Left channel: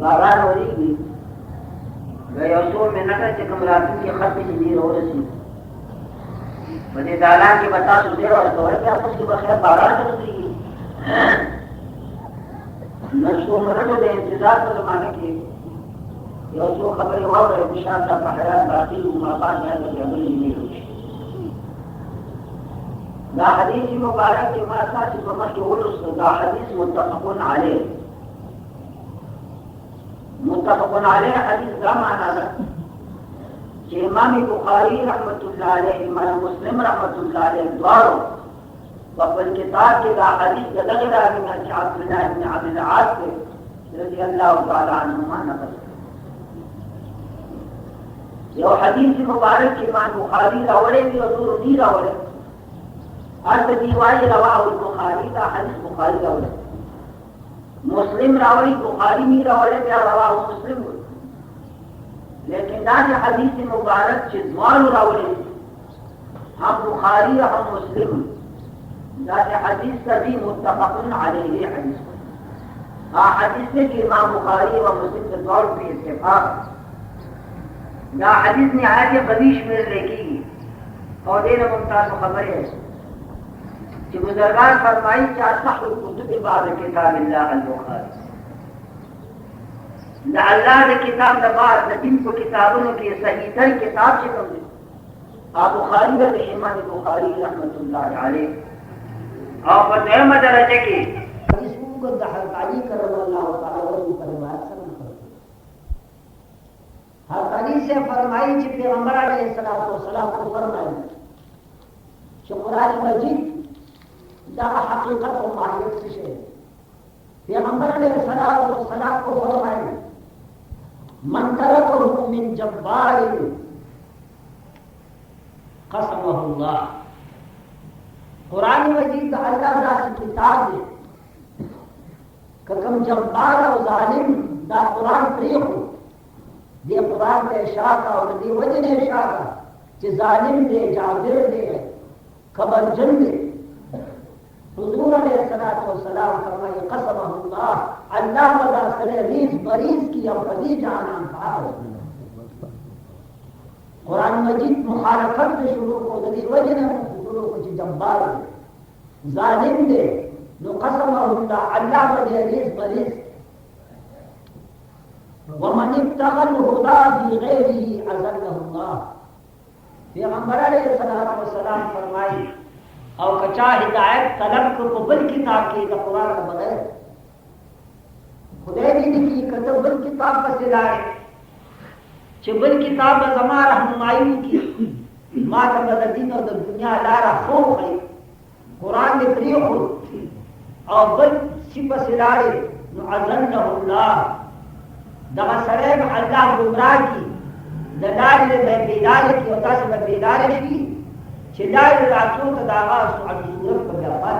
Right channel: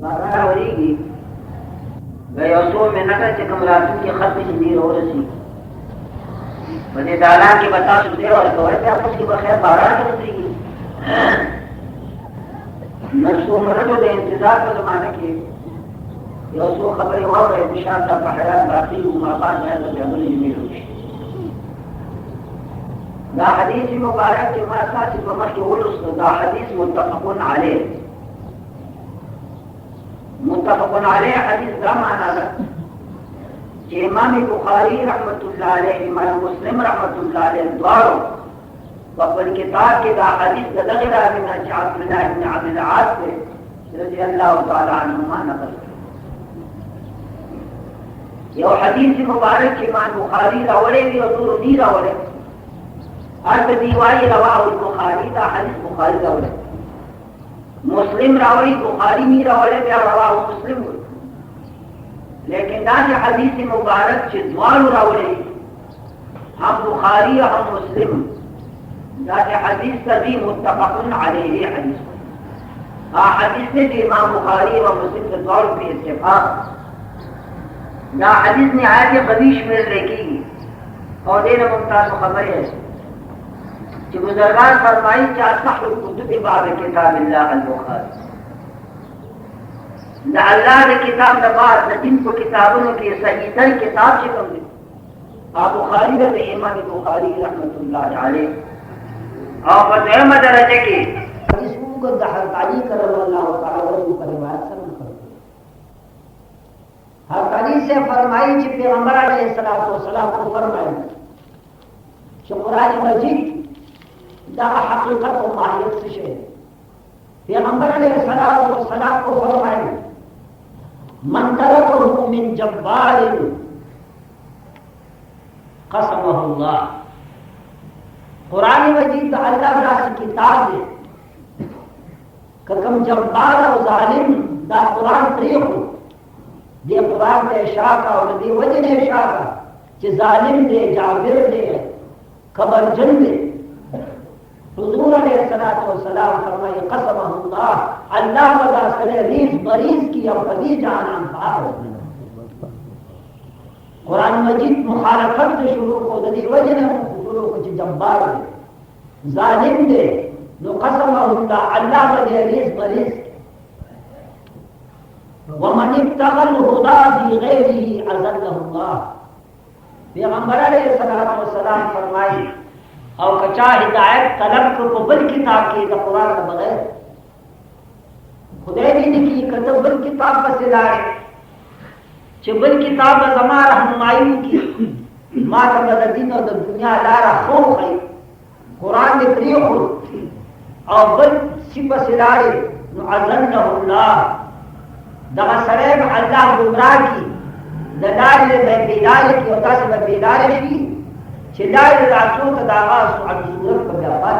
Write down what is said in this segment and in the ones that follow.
باران وریږي د یو څو منټه چې کوم راتلونکي خط چې دی ورسي په دې دالان کې به تاسو ډېر ورکوئ بیا خو چې به خیر باران ورسېږي لږ څو منټو د انتظار په زمانه کې یو څو خبرې واورئ انشاءالله په حیات باقي ماقام باید د جملې جملې وشي دا حدیث مبارک چې ما تاسو په مخکې ولوستو دا حدیث متفق علیه متفق علیه حدیث دا معنا ده چې امام بخاري رحمت الله علیه امام مسلم رحمت الله علیه دواړو په خپل کتاب کې دا حدیث د دغه راوي نه چې عبد الله بن عبد العاص رضی الله تعالی عنهما نقل یو حدیث مبارک چې امام بخاري راوړی دی او نور دي راوړی هر دی وايي رواه البخاري دا حدیث بخاري راوړی مسلم راوړي بخاري نه راوړي بیا رواه مسلم لیکن دا حدیث مبارک چې دوانو راوړي هم بخاري هم مسلم دا حدیث تدی متفق علیه حدیث حدیث دی امام بخاری و مسلم کے طور پہ اتفاق دا حدیث نہایت قوی شمیر لیکن اور دین ممتاز خبر ہے کہ بزرگان فرمائی کہ اصح الکتب باب کتاب اللہ البخاری دا اللہ دا کتاب دا بعد دا ان کو کتابوں کی صحیح تر کتاب چکم دے بخاری دا امام بخاری رحمت اللہ علیہ اور فتح درجے کی کو حضرت علی کرم اللہ تعالی عنہ پر روایت سے نقل حضرت علی سے فرمائی کہ پیغمبر علیہ السلام کو فرمایا کہ قرآن مجید دا حقیقت و ماہیت سے ہے پیغمبر علیہ السلام کو فرمایا من ترکه من جبار قسمه اللہ قرآن مجید اللہ تعالی کی کتاب ہے کہ کم جبار و ظالم دا قرآن طریق دے قرآن دے شاکا اور دے وجن شاکا کہ ظالم دے جابر دے قبر جن دے حضور علیہ السلام فرمائے قسمہ اللہ مدہ سنے ریز بریز کی اور قدی جانان پار قرآن مجید مخالفت سے شروع کو دے وجن شروع کو جبار دے ظالم دے نو قسمه اللہ مدہ ریز بریز ومن ابتغى الهدى في غيره أذله الله پیغمبر علیہ السلام فرمائی او کچا ہدایت طلب کو بل کتاب کی قرآن کے بغیر خدای دې کی کتاب بل کتاب بس لائے چې بل کتاب زما رہنمائی کی ما ته د دین او د دنیا لار خو خي قرآن دې طریق او بل شي بس لائے نو اذله الله دغه سره الله گمراه کی د لارې د بیلال کی او تاسو د بیلال کی چې لارې راتلو ته د آغاز عن صورت په بیافات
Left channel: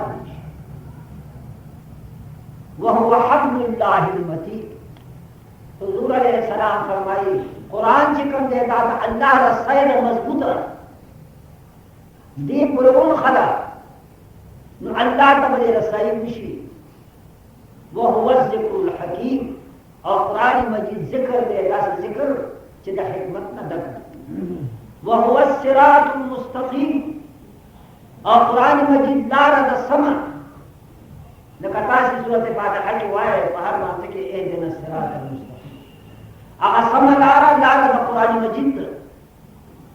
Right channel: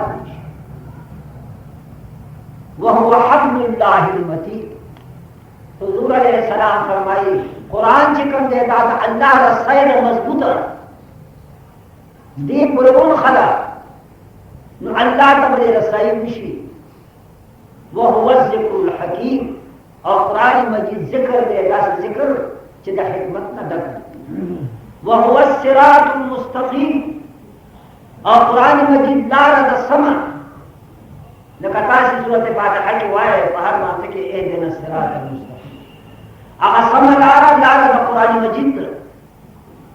وهو حبل الله المتین حضور علیہ السلام فرمائی قرآن چې کوم دی دا د الله رسای مضبوطه دی پرون خلا نو الله ته به رسای نشي وهو الذکر الحکیم اور قرآن مجید ذکر دے داس ذکر چې د حکمت نه ډک وهو الصراط المستقیم اور قرآن مجید لار د سم لکه تاسو سورته فاتحه کې وایي په هر مانځ کې اهدنا الصراط المستقیم هغه سم لار د قرآن مجید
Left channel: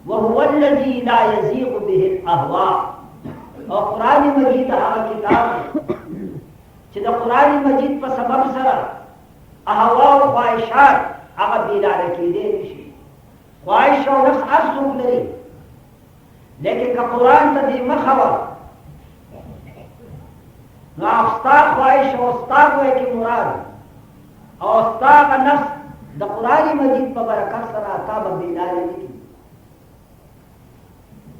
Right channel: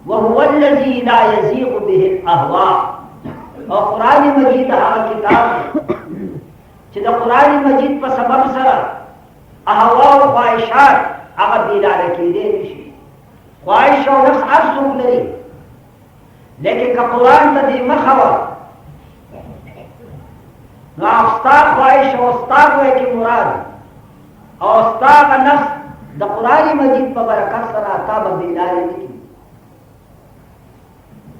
وهو الذي لا يزيغ به الاهواء اور قرآن مجید هغه کتاب چې د قرآن مجید په سبب سره احوا و خواہشات اگر بیدار کی دے نشی خواہش و نفس ہر سوک لری لیکن کہ قرآن تا دی مخور نو استاق خواہش و استاق ہوئے کی مراد اور استاق نفس دا قرآن مجید پا برکت سر آتا با بیدار نکی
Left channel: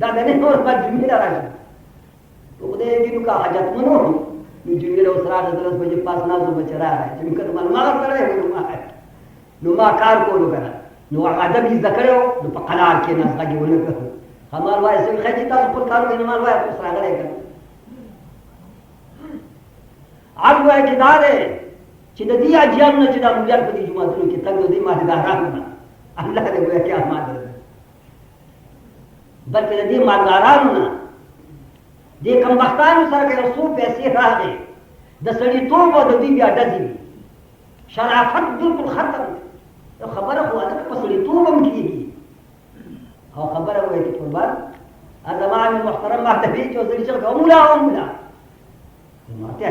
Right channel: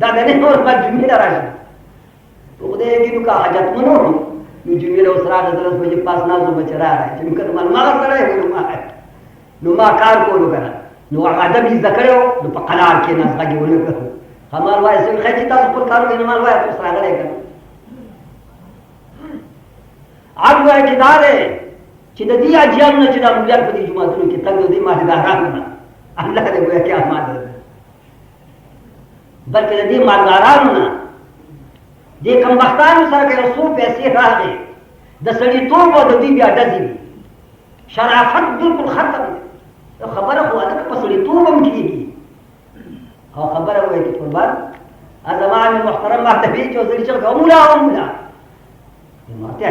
دا د نه اور په جمعې راشي په دې کې نو کا حاجت منو نو جمعې له سره د درس په پاس نازو بچرا راځي چې کله ما سره یو نو ما کار کولو کنه نو ادب یې ذکرو نو په قناعت کې نه ځګي ولې همار وای څنګه چې تاسو په کار کې نه مال وای تاسو راغلی کنه اړ وای چې دا ده چې د دې اجیان نه چې د مليان په دې جمعهتونو کې تنګ دې ما دې راغله الله دې وای کې احمد بلکې د دې مالدارانو نه دې کم وختانو سره کې رسول پیسې راغلي د سړي توپ او د دې بیا ډزې شرافت بالکل ختم خبره خو هغه په سړي توپ هم کېږي او خبره وایي چې قربان زمان محترم مرتبه چې وزیر چې کومه ومنه نو ته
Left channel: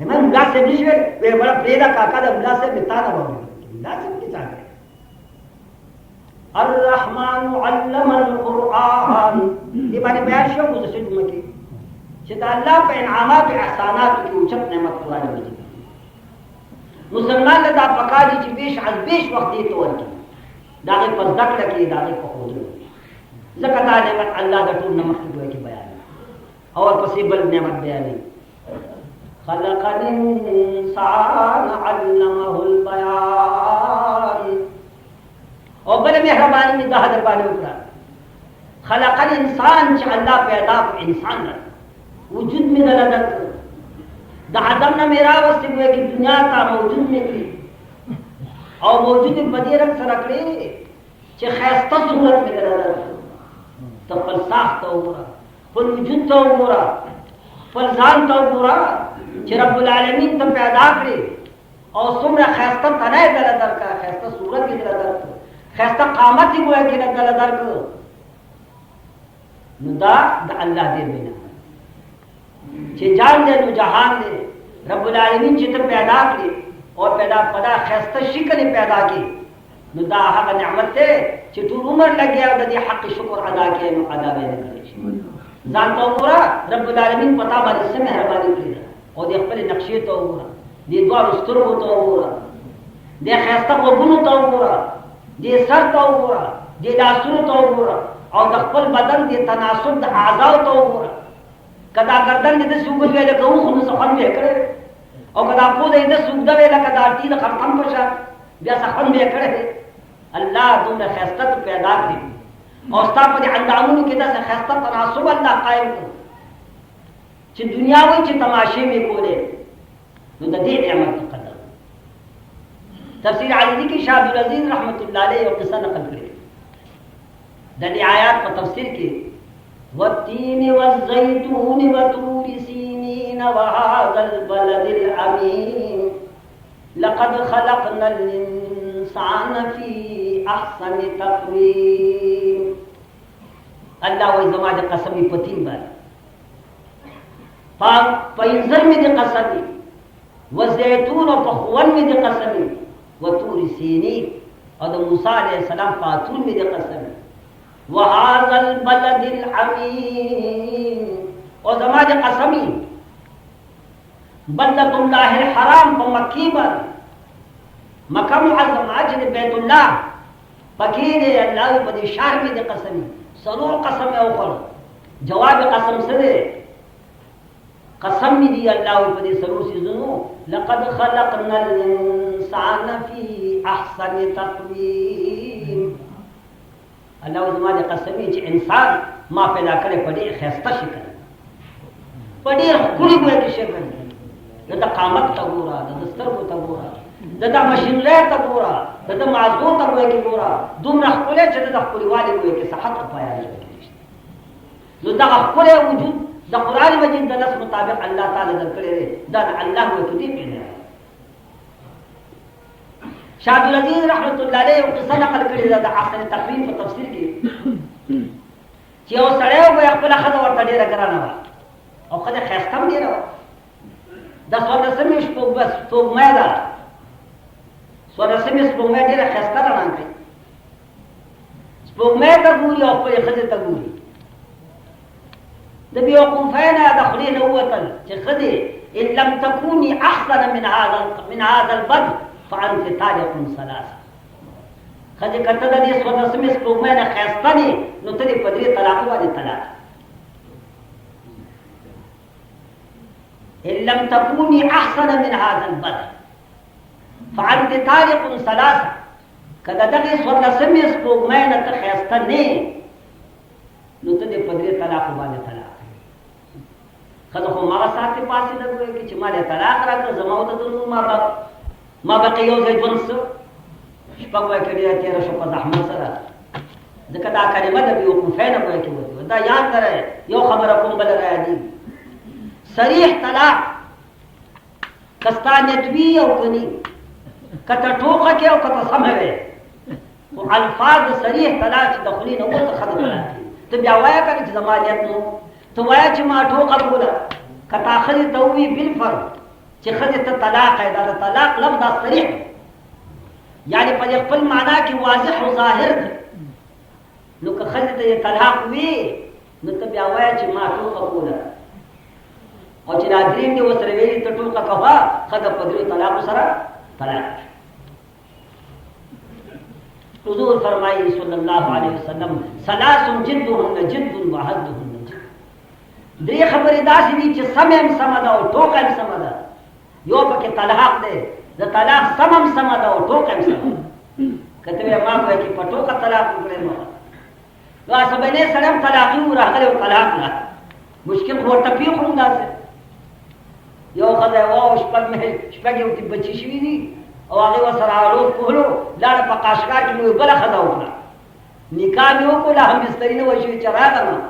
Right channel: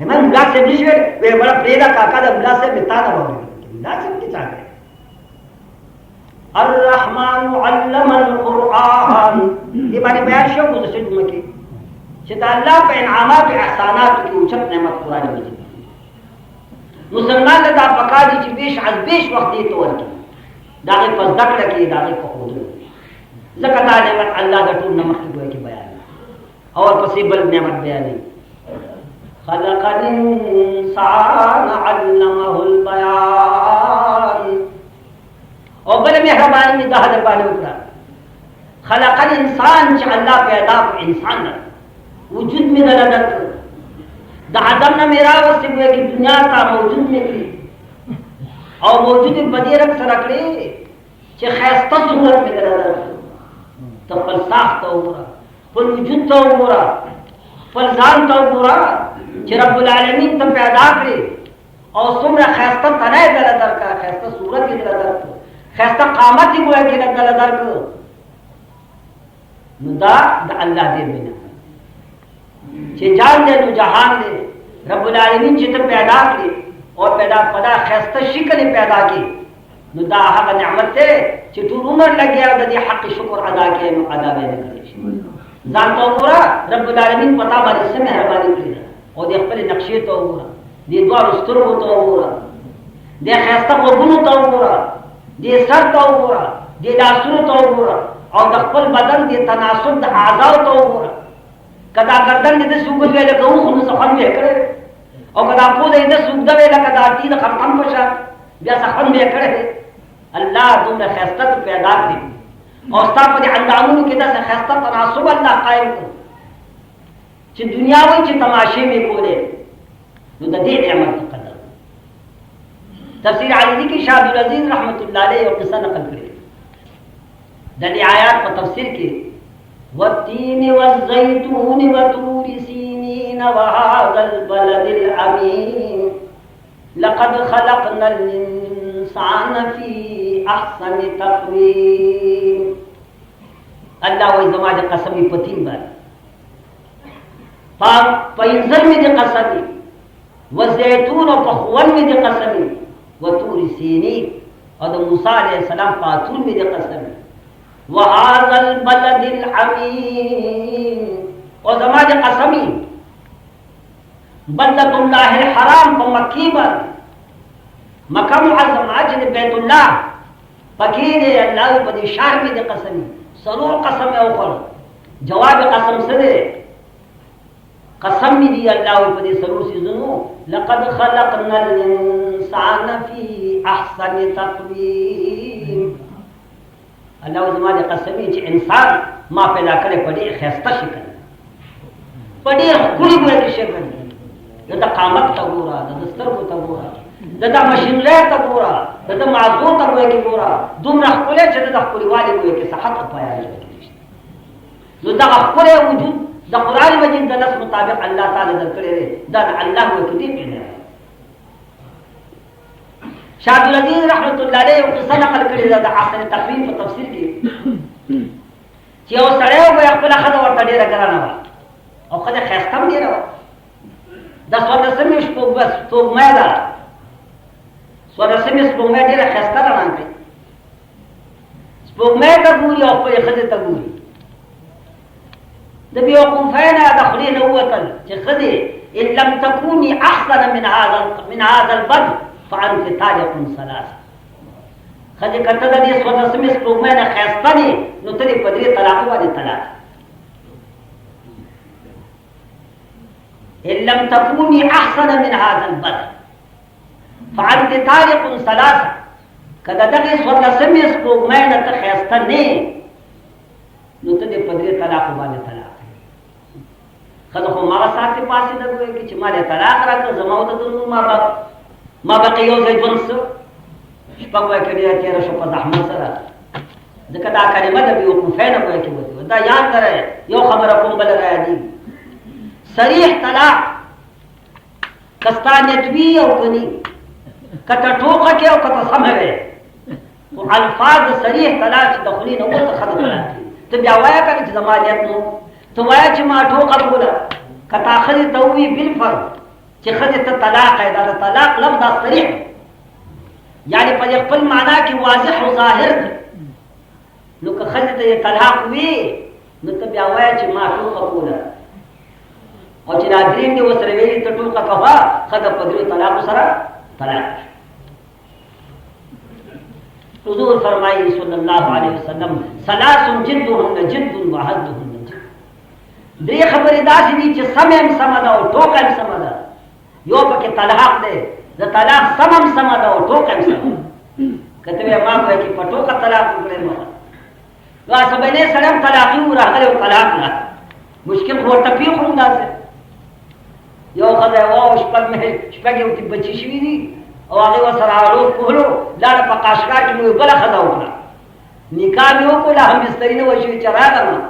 همن بلاک سے بشوي وی بڑا پریدا کاکا د بلاک سے متانه وایي بلاک سے کی څنګه الرحمن علم القرآن دې باندې بیان شو د څه مکه چې د الله په انعامات او احسانات کې اوچت نعمت قرآن مجید مسلمان له دا پکاري چې بیش از بیش وخت دې تور کې دا په ذکر کې دا په خوله ځکه دا نعمت الله د ټول نعمت کې بیان او پسې بل نعمت بیان خلق الانسان علمه البيان او بل مهرباني می ده در باندې وکړه خلق الانسان چې الله پیدا کړ انسان وجود می دل درک د ادم نه میرا وسته کې دنیا کا موجود می کړی او موجود په دې رنګ سره کړی چې خاصه صورت می دل درک ته په ساخت وګوره په وجود ته وګوره په ځان ته وګوره چې رب العالمین ته پیدا کړی او څومره خاصه تنه دل درک خاصه صورت دل درک خاصه قامت دی وای چې دل درک نو دا د الله دې بنا چې جان دې نو جهان دې رب العالمین چې ته پیدا کړی او پیدا خاصه شکل پیدا کړي نو دا هغه نعمت ته چې ټول عمر لګیا د دې حق شکر ادا کړي نو ادا به نه کړی ځان ته وګوره رب العالمین پتا باندې سم مهرباني کړی او دې خپل نقشې ته وګوره دې دوه سترګو ته وګوره دې خاصه وګونو ته وګوره دې سر ته وګوره دې لاسونو ته وګوره او د خپل بدن دې تناسب د اعضاء ته وګوره کدا گردن دې سوګل ویل کوم خو څه خپل وکړي او کدا په دې د سوګ د ویل کدا تین ختم پښه بیا څه خپل وکړي الله دومره خاصه پیدا کړی او ستاسو په اندامونو کې دا خاصه تناسب الله قائم کړ چې دنیا وای چې تماشې می کولې نو د دې نعمت قدر تفسیر علی کی شاه عبدالعزیز رحمت الله علیه او قصه نقل کړي د دې آیات په تفسیر کې والتين والزيتون وطور سينين وهذا البلد الأمين لقد خلقنا الإنسان في أحسن تقويم الله وإذا دې قسمي پتين باندې فإنزل می دې قسمي والزيتون وفخون می دې قسمي وطور سينين او د موسی عليه السلام فاتون می دې قسمي وهذا البلد العميم وزماج قسمي بلدة الله الحرام فمكيبا مكة معظم عجل بيت الله فكير الله بدي شهر بدي قسمي سرور قسم أخر جواب قسم سده قسم دي الله بدي سرور سيزنو لقد خلقنا الإنسان في أحسن تقويم الله زما دې قسمي چې انسان ما پیدا کړی په ډېر ښایسته شکل په ډېر ښکلي باندې شکل د قامت ته ګوره د سترګو ته ګوره د ماشینرۍ ته ګوره د مازو ته ګوره دومره ښکلی چې د ښکلیوالي ګوی کې صحت او پایان نو دغه ښکلی وجود د قرآن مجید د نص مطابق الله تعالی درکړی دی دا د الله وکړي پیدا شاه عبدالعزیز رحمت الله علیه او قصه نقل کړې ده د احسن تقویم په تفسیر کې چې یو سړی وایي خپل ښځه ورته ډېره ګرانه وه او ښځه ښایسته هم ډېره وه د څوارلسمې سپوږمۍ ده څوارلسمې سپوږمۍ ډېره ښایسته رڼا کوي سپوږمۍ ته ګوري او خپلې ښځې ته ګوري د بیوقوفۍ نه د خولې نه ووتل چې ښځې ان لم تکوني احسن من هذا البدر فعنك تاجكم ثلاثة ښځې که ته د دې څوارلسمې سپوږمۍ نه ښایسته دې نو ته دې په 3 طلاقو باندې طلاق. ان لم تكوني احسن من هذا البدر فانت طالق 3. کله دغه 14مې سپوږمۍ نه ته ښایسته نه نو ته دې په 3 طلاق باندې طلاق. خلک خو ما ساتي پاسې نه کوي چې ما دې طلاق راکړ زما او د نور ما بقي یو ځای ژوند څه شپږ وای کړي تېره شو په زحمت سره. ځکه دا کلمه د بیوقوفۍ نه وایي کېږي. دا یاد کړئ یو خبره کوم بله را یادېږي. صریح طلاق که ستا نیت وي او که نه که ته ټوکه کې او که ته سمه وې خو الفاظ د صریح طلاق چې د خولې نه وروسته ښځه طلاق کوي. ته بیا وایه که نه چې زما نیت نو ته وایه چې ما ټوکه کوله که تا ښځې ته ووایي بالفرض چې ښځې ته طلاق یې دا د طلاق لفظ دا صریح دی یعنې په دې خپل معنا کې واضح او ظاهر دی. نو که ښځې ته یې طلاق وي نو ته بیا وایه چې ما ټوکه کوله او چې دا دریم دې ورسره ویلي ته ټوکه کوه ښځه په 3 طلاقو سره طلاق. حضور فرمایي صلی الله علیه وسلم 3 جدهن جد وهزهن جد. 3 خبرې داسې دي چې سمه هم سمه ده او ټوکه هم سمه ده. یو پکې طلاق دی د طلاق سمه هم سمه ده او ټوکه هم سمه ده. که ته وایې ما وایي چې په ټوکه طلاق وکړې نو سبینې سره هم طلاقي راغلی او طلاق نه مشکل خو ورته پېښ هم داسې یو ښځه وه شپږ یو بچي شوي دي او هغې ورسره هالو کولو لاړه په قاشقا کې مې بله ښځه وکړه نکاح مې وکړو لا هم بستري نه وه شوي چې راغلم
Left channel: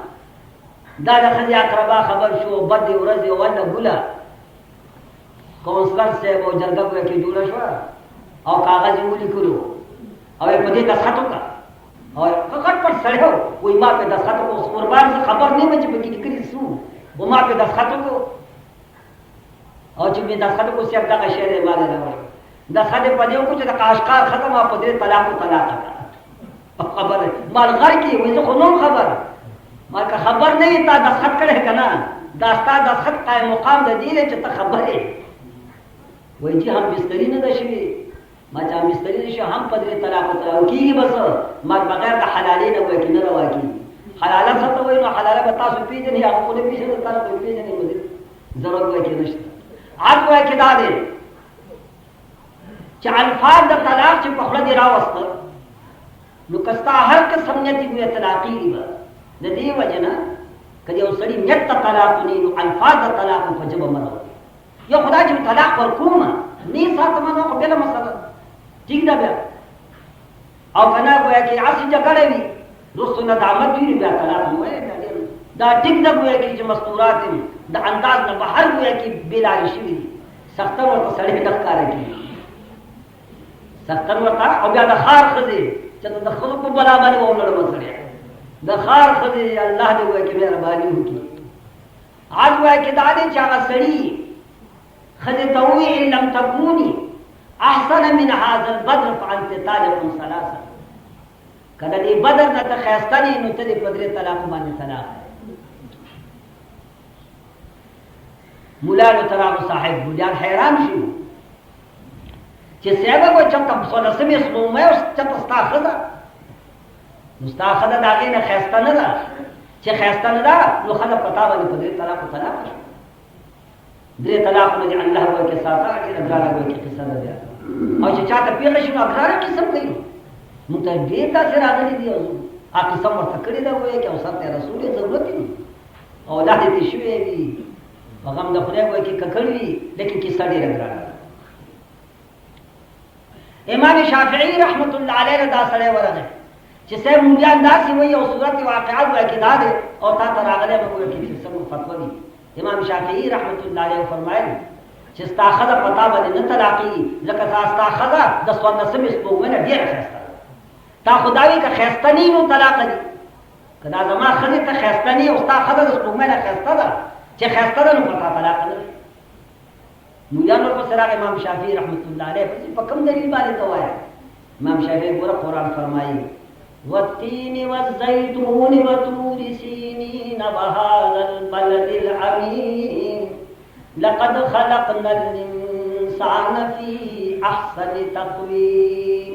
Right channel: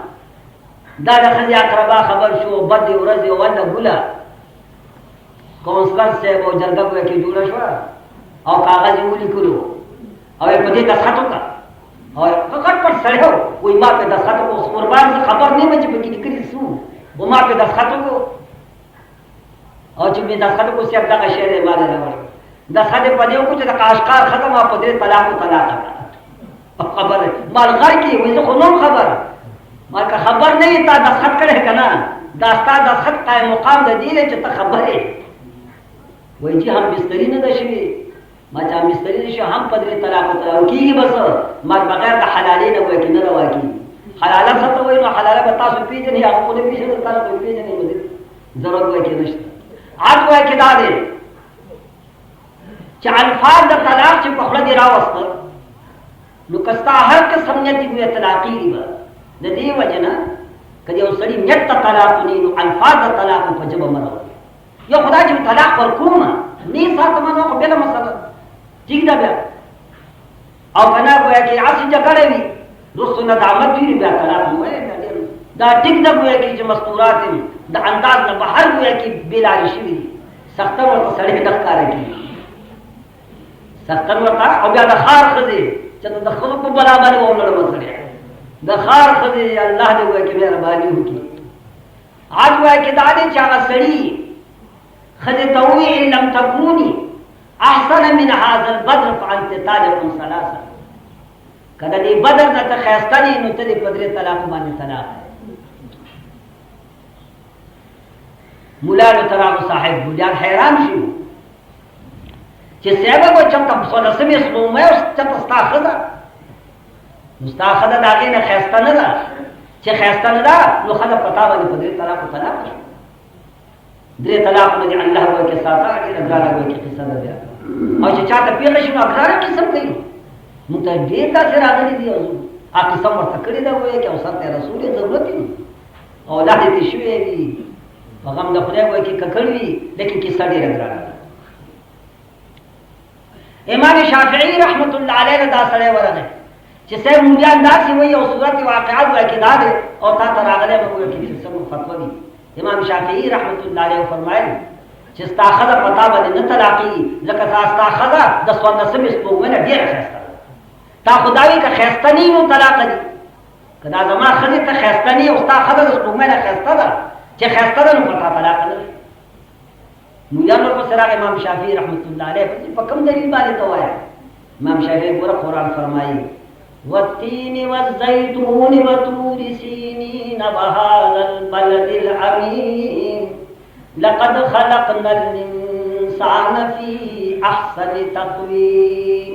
دا د ښځې اقربا خبر شو بدې ورځې ونه ګوله کونسلر صاحب او جرګه ګویا کې جوړه شوه او کاغذ یې ولیکلو او یې په دې دستخط وکړه او په کټ پټ سړی و وایي ما پې دستخط وکړو قربان زه خبر نه یم چې پکې لیکلي څه و ما پې دستخط وکړو او چې مې دستخط وکړو صاحب دغه شی دی ما نه راوړی دستخط یې په دې وکړو چې د قاشقار ښځه ما په 3 طلاقو طلاقه کړه خبره مال غر کې وایي زه خو نوم خبره ما که خبر نه یې تا دستخط کړی که نه دا ستا دستخط قایم مقام د دې دی چې ته خبر یې وایي چې هم بستري نه ده شوې ما چې هم بستري نه شوه هم په 3 طلاقو طلاقو کېږي بس ما بغیر د حلالۍ نه وایي چې نه روا کېږي. حلاله څه ته وایي نو حلاله به تاسو پېژنئ هغه خو نه پېژنئ تاسو به پېژنئ نو ضرورت وایي کې نشته. عد وایي کې دا دی چې الفاظ د طلاق چې په خوله دې راوستل نو که ستا هر قسم نیت وي طلاقېږي به د دې وجه نه که یو سړي نیت ته طلاق ونی نو الفاظ د طلاق په ژبه مه راوړي. یو خدای چې طلاق ورکومه نه ساتمه نو خو بله مسله ټیک ده بیا او که نه ګویا کې هسې جګړه وي رستو نه د عمد وي بیا طلاق نه وایي دا ټیک ده ګویا کې چې مستورات د انداز نه بهر ګویا کې بېلارې شوي دي سختن ورته سړی نه ښکاره کېږي سختن ورته او بیا د ښار ښځې چې د ښځو په بلا باندې ونړوه سړی د ښار ښځې الله دې ګویا کې مهرباني وکړي. عاد ګویا کې دا دی چې هغه سړي ښځې ته ووایي ان لم تکوني احسن من هذا البدر فانت طالق 3. که د دې بدر نه ته ښایسته دي نو ته دې په 3 طلاقو باندې طلاق. مولانو تراغو صاحب بولیان حیران شو چې صاحبه به چېرته 14مې سپوږمۍ او چېرته ستا ښځه نو ستا ښځه د هغې نه ښایسته نه ده چې ښایسته نه ده نو ښځه په تا باندې په 3 طلاقو طلاق شو. 3 طلاقو نه دې الله وایي کې ساته ډېره ګرانه وایي کې قصه ده بیا او چې چاته پېښه شي نو ګرانه قسم کوي موږ ته ډېر داسې راغلي دي هغه قسم ورته کړې ده وایي کې او سرته رسول یې ضرورت وي اولاد یې تېر شوی وي په غم د خدای وایي کې ککړ وي لیکن قصه ډېره ګرانه ده. امام شافعي رحمت الله علیه دا سړی ورغی چې صاحب مونږیان داسې وایي او صورت واقعات وایي کې دا دی او تا ته راغلی به وایي کې څه فتوا دي. امام شافعي رحمت الله علیه فرمایل چې ستا ښځه په تا باندې نه طلاقېږي ځکه ستا ښځه د 14مې سپوږمۍ نه ډېره ښایسته ده. تا خو دا وایي که ښایسته نه وي نو طلاقه دي که دا زما ښځې ته ښایسته نه وي او ستا ښځه د سپوږمۍ نه ښایسته ده چې ښایسته ده نو په تا طلاقه نه ده. مولیانو ورپسې راغی امام شافعي رحمت الله علیه په کوم دلیل باندې ته وایه؟ امام شافعي ګوره قرآن فرمایي والتين والزيتون وطور سينين وهذا البلد الأمين لقد خلقنا الإنسان في أحسن تقويم.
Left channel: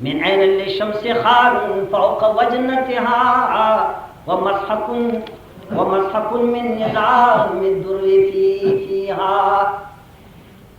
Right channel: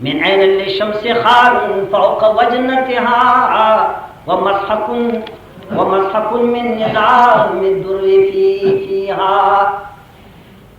من عين للشمس خار فوق وجنتها ومسحق من نظام الدر فيها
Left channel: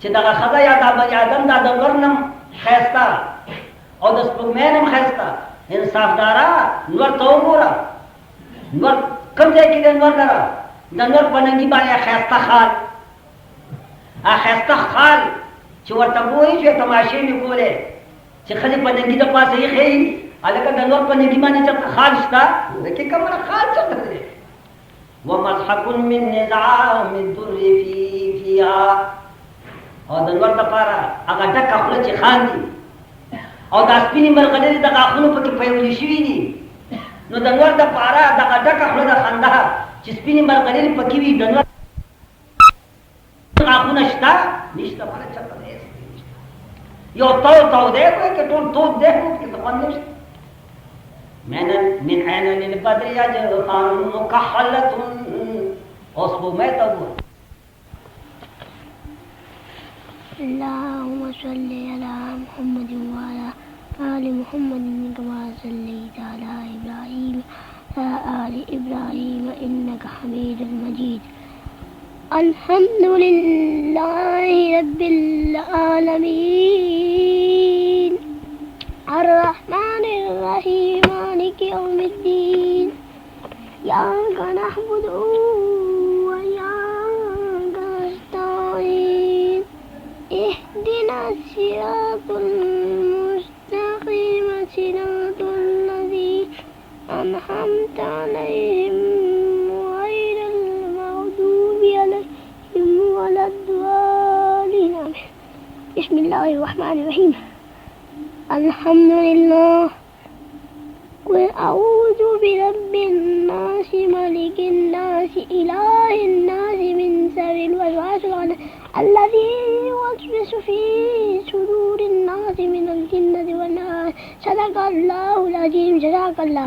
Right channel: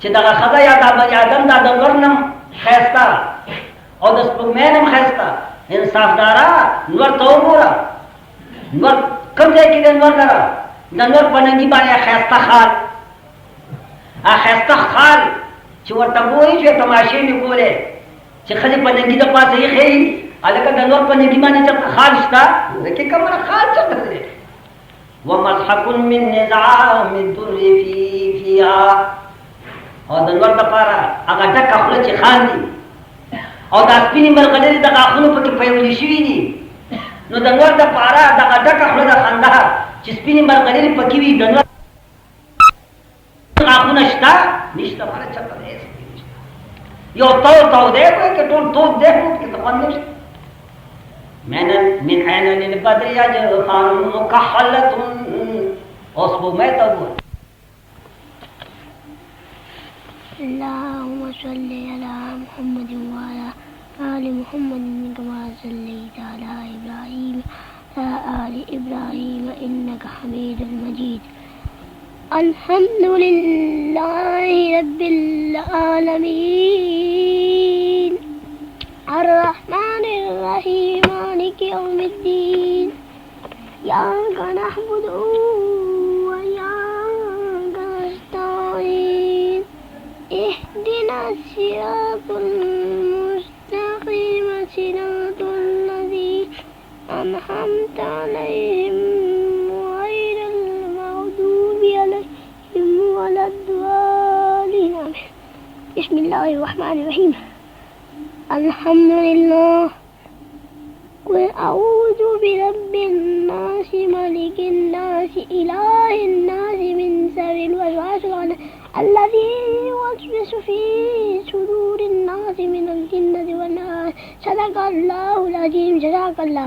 چې دا خدا یا دا بنی آدم دا د ورنم خيستا او د سپمنم خيستا انصافدارا نور تو ګورا نور کوم ځای کې د نور درا د نور پنګي باندې خيستا خال خيستا خال چې ورته وایي چې تماشې می کوله چې خلک پنګي د پاسه یې خېي الکه د نور پنګي باندې چې خال شتا دکې کومه خال چته ده ومسحق من نظام الدر فيها او د نور د پاره هغه ډک خپل چې خان دي او د سپینې مرغلې د غاخونو په کې پیولې شوې دي نو د نور د پاره د ډک خپل د خندا چې سپینې مرغلې په کې وي د نور غاخونه شته نشته باندې چته ده یو تو ده کې ټول تو ده کې څه باندې من عين للبدر يجفان مكحلة اصبو ما تقول اللهم صل على محمد وعلى آل محمد كما صليت على إبراهيم وعلى آل إبراهيم إنك حميد مجيد الحمد لله رب العالمين الرحمن الرحيم مالك يوم الدين إياك نعبد وإياك نستعين اهدنا الصراط المستقيم صراط الذين أنعمت عليهم غير المغضوب عليهم ولا الضالين Bismillahirrahmanirrahim. Alhamdulillah. Qul a'udzu birabbin nas, malikin nas, ilahin nas, min sharril waswasil khannas alladhi yuwaswisu fi sudurin nas minal jinnati wan nas. Sadaqallahul azim. Jazakallah.